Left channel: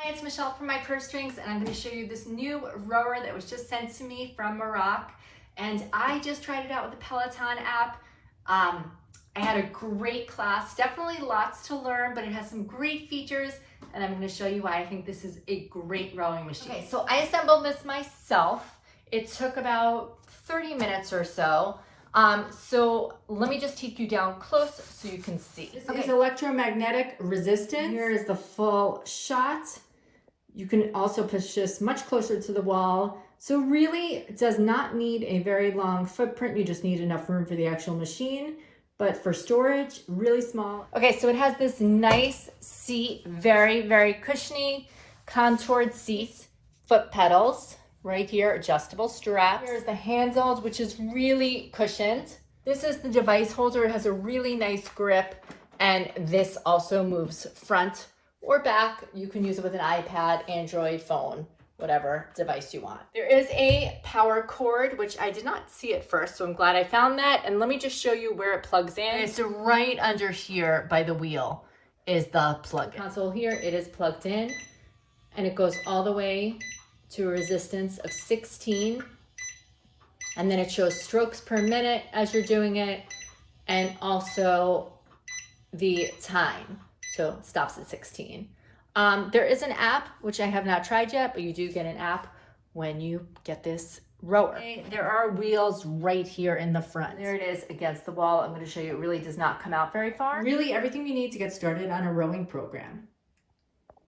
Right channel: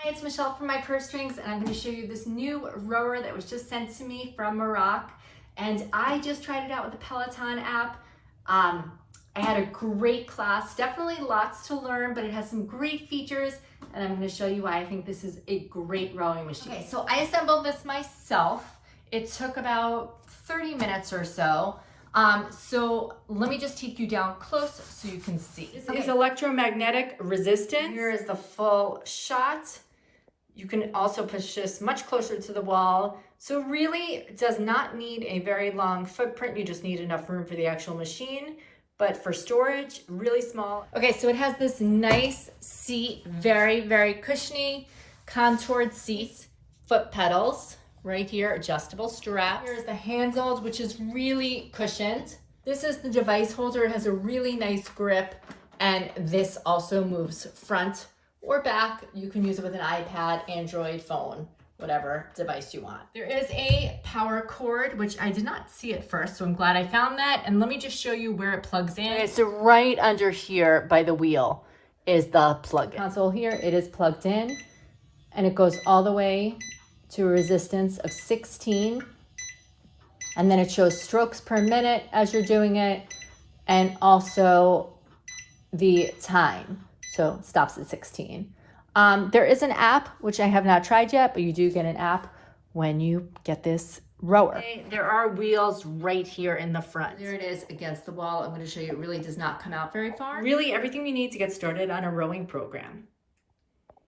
Hi, it's Michelle from My Purse Strings, and I'm going to show you this new rower that was just sent to me from Merach. And I just tried it out with the Peloton app. I had a great class, definitely lots to learn, but it has some great features, and I'm going to show you why I think this is a great rowing machine. Okay, so I assembled this myself. It took about 30 minutes or so. So let me just take you down close so you can see. This is electromagnetic resistance. Here is the full shot. You can also push this much closer to the wall. So really it does not need a very long footprint. You just need enough room for the actual machine. But for storage, really small. Okay, so it has this nice seat, very, very cushiony, contoured seats, foot pedals right here, adjustable straps. Here's the handles, which is really cushioned. This is the device holder. It has a really nice grip, and this also moves front or back. You can use it with an iPad, Android phone, whatever device you want. There is a power cord, which I did not see at first, so I'm glad I found that. And let me just show you where it plugs in. Okay, so right under here by the wheel is the plug-in console here. It is plugged in, and it goes all the way to a resistance of 16. And then it shows strokes per minute as you're doing it, and also the time. So stops at 16. There is an app, which I have not tried yet, but you do get an app when you get this rower. Okay, there are wheels right here in the front. There it is against the wall. I'm going to show you, it really does not come out very far. Really everything you need to get started on a rowing program.